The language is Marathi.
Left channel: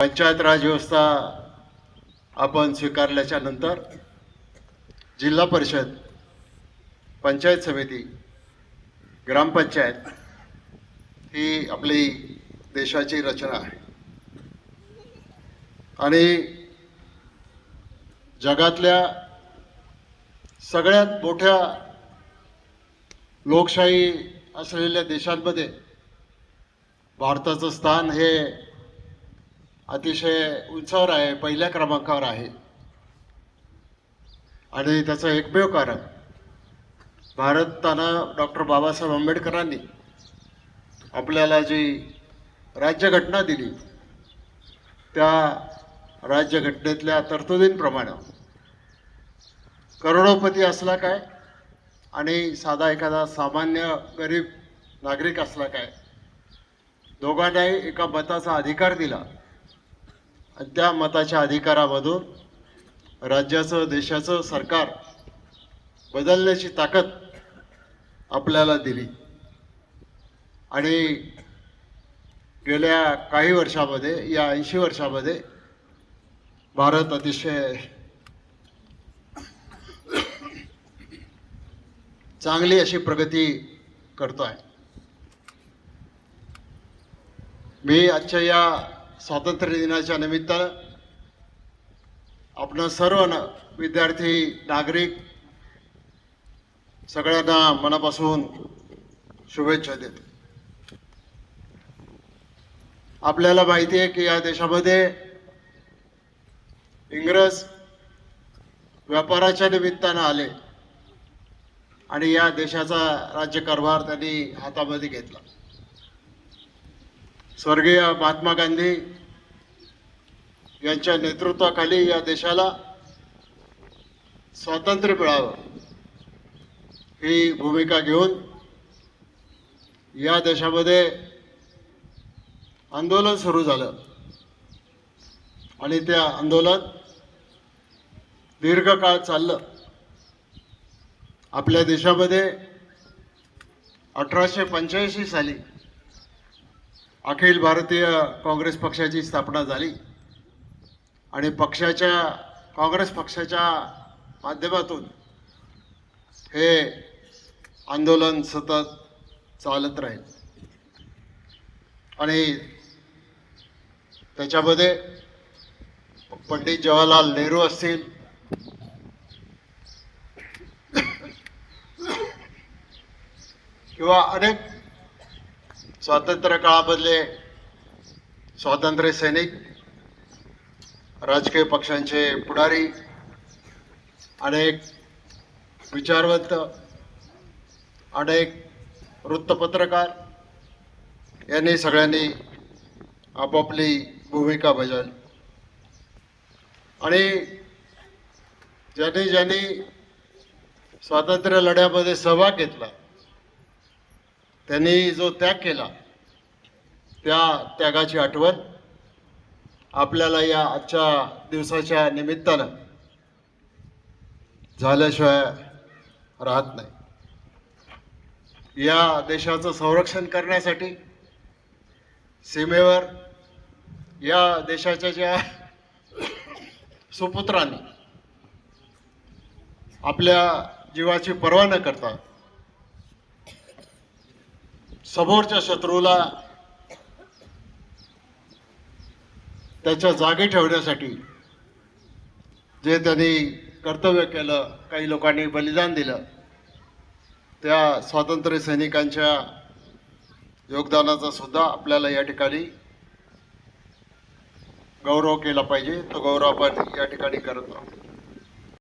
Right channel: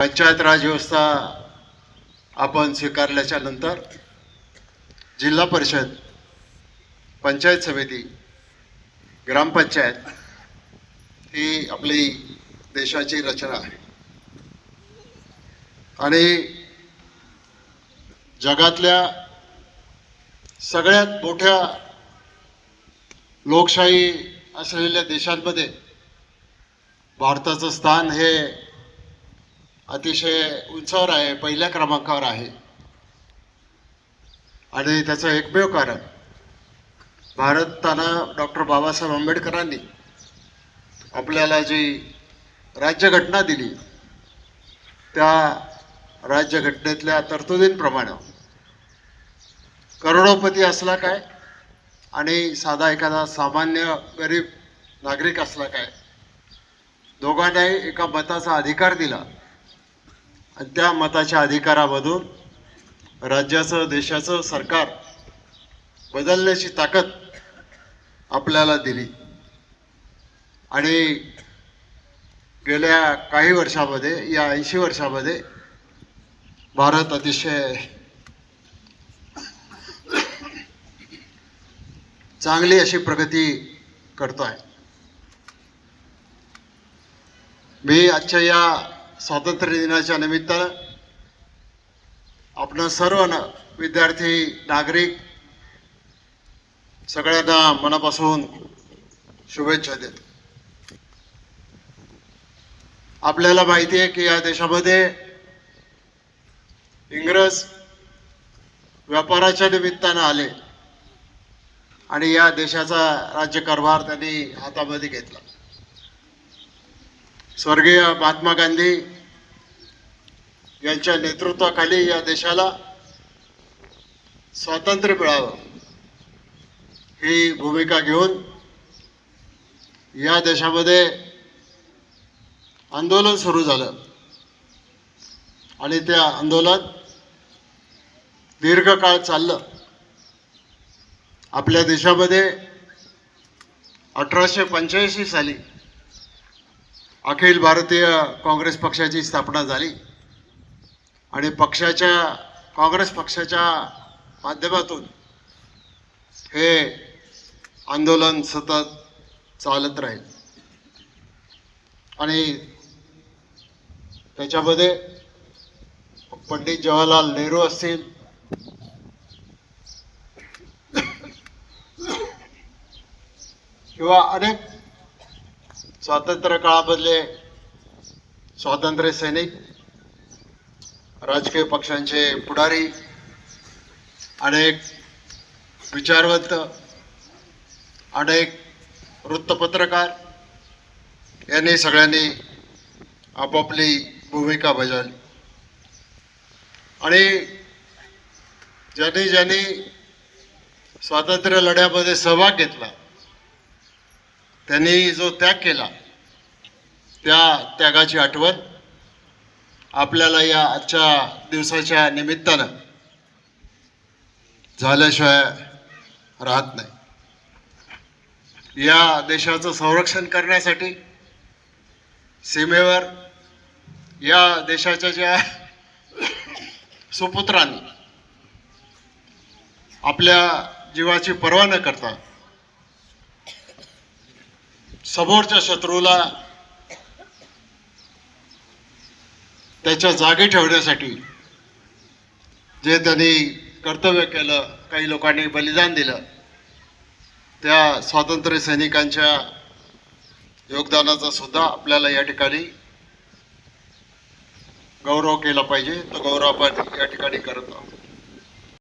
पंचायत राज व्यवस्था आपण स्वीकारल्याच्या नंतर जिल्हा परिषद, पंचायत समिती, ग्रामपंचायत ही आपली देशाची रचना आहे आणि जगातल्या सगळ्यात मोठ्या लोकशाही असलेल्या देशांमध्ये भारताचं स्थान हे अतिशय उंचावर आहे, पहिल्या क्रमांकावर आहे. आणि त्याचं एकमेव कारण भारतानं डॉक्टर बाबासाहेब आंबेडकरांनी आपल्याला जी राज्यघटना दिली त्या राज्यघटनेतल्या तरतुदींप्रमाणे करोडोपती असला काय आणि साधा एखादा सामान्य गरीब नागरिक असला काय, दोघांनाही एका मताचा अधिकार दिला आणि त्या मताच्या अधिकारामधून राज्याचं, देशाचं सरकार बदलण्याची ताकद आपल्याला दिली. आणि गेल्या काही वर्षामध्ये, या 80 वर्षामध्ये भारत अतिशय चांगली अशी प्रगती करतो आहे. मी आजच्या या स्वातंत्र्य दिनाच्या निमित्तानं आपण सर्व विद्यार्थी, नागरिक सगळ्यांना मनापासून शुभेच्छा देतो. आपल्याला माहिती आहे की या देशामध्ये इंग्रज व्यापाराच्या निमित्तानं आले आणि या देशाचा राज्यकारभार त्यांनी हातामध्ये घेतला. स्वर्गीय महात्मा गांधी यांच्या नेतृत्वाखाली या देशाला स्वातंत्र्य मिळावं ही भूमिका घेऊन या देशामध्ये आंदोलन सुरू झालं आणि ते आंदोलन दीर्घ काळ चाललं. आपल्या देशामध्ये 1885 साली अखिल भारतीय काँग्रेस पक्षाची स्थापना झाली आणि काँग्रेस पक्षाच्या माध्यमातून हे आंदोलन सतत चालत राहील. आणि त्याच्यामध्ये पंडित जवाहरलाल नेहरू असतील, किंवा अनेक स्वातंत्र्य काळामधले स्वातंत्र्य सैनिक, राजकीय पक्षांचे पुढारी, अनेक विचारवंत, अनेक वृत्तपत्रकार यांनी सगळ्यांनी आपापली भूमिका बजावली. आणि ज्यांनी ज्यांनी स्वातंत्र्य लढ्यामध्ये सहभाग घेतला त्यांनी जो त्याग केला त्या त्यागाची आठवण आपल्याला या आजच्या दिवसाच्या निमित्तानं झाल्याशिवाय राहत नाही. या देशाचं संरक्षण करण्यासाठी सीमेवर या देशाच्या ज्या सुपुत्रांनी आपल्या जीवाची पर्वा न करता समोरच्या शत्रूला त्याच्या जागी ठेवण्यासाठी जे त्यांनी कर्तव्य केलं, काही लोकांनी बलिदान दिलं, त्या स्वातंत्र्य सैनिकांच्या योगदानाचा सुद्धा आपल्याला या ठिकाणी गौरव केला पाहिजे. तो गौरव आपण या ठिकाणी करत आहोत.